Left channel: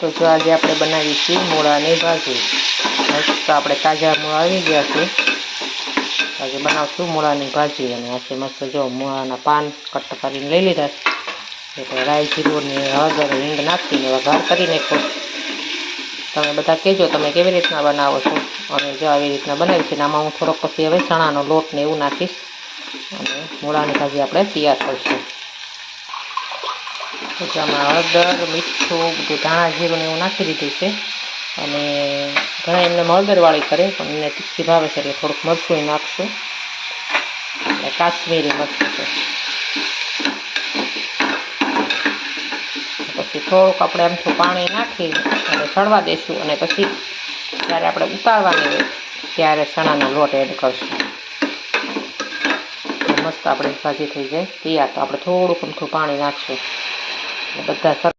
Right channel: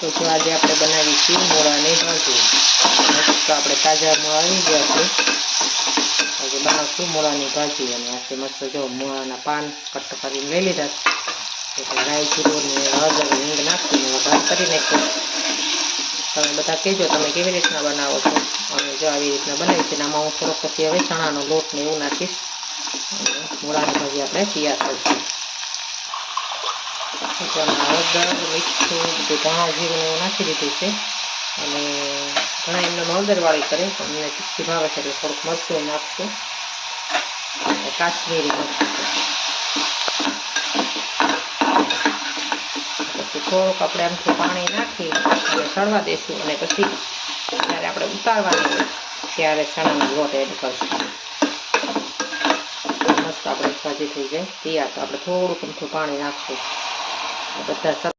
તો જો આજે આપણે બનાવીશું મૂળાની ભાજી। મસ્ત આપણે તાજા મૂળા આવી ગયા છે। આજે બનાવશું મૂળાની ભાજી અને આજે મસ્ત જો મૂળાના પાન કટ કરીને લઈ લીધા છે। એટલે રાઈ જીરું ને હળદર હિંગ નાખીને વઘાર કરી નાખ્યો। તમે બધા કહેજો તમે કેવી રીતના બનાવો છો અને જો આવી રીતના બનાવી છે। આમાં હું થોડોક પછી હવે ચણાનો લોટ ને એવું નાખીશ અને મૂળાની ભાજી આપણે તૈયાર કરીશું। પછી આમાં હળદર મીઠું બધું ધાણા જીરું ને એવું નાખી દીધું છે અને ઘણા એમને હળદરવાળી કરે પણ એને તીખી ભાવે છે એટલે થોડુંક મરચું નાખશું અને કાશ્મીરી મરચું છે। પછી થોડુંક આપણે આમથી પાણી નાખી અને ચડવા દઈશું અને પછી જ્યારે આપણે ઉતારવાની હોય ત્યારે ચણાનો લોટ એડ કરશું। મસ્ત આપણી ભાજી થઈ જાય તૈયાર। તો આપણે થોડુંક અમથું પાણી નાખશું બધા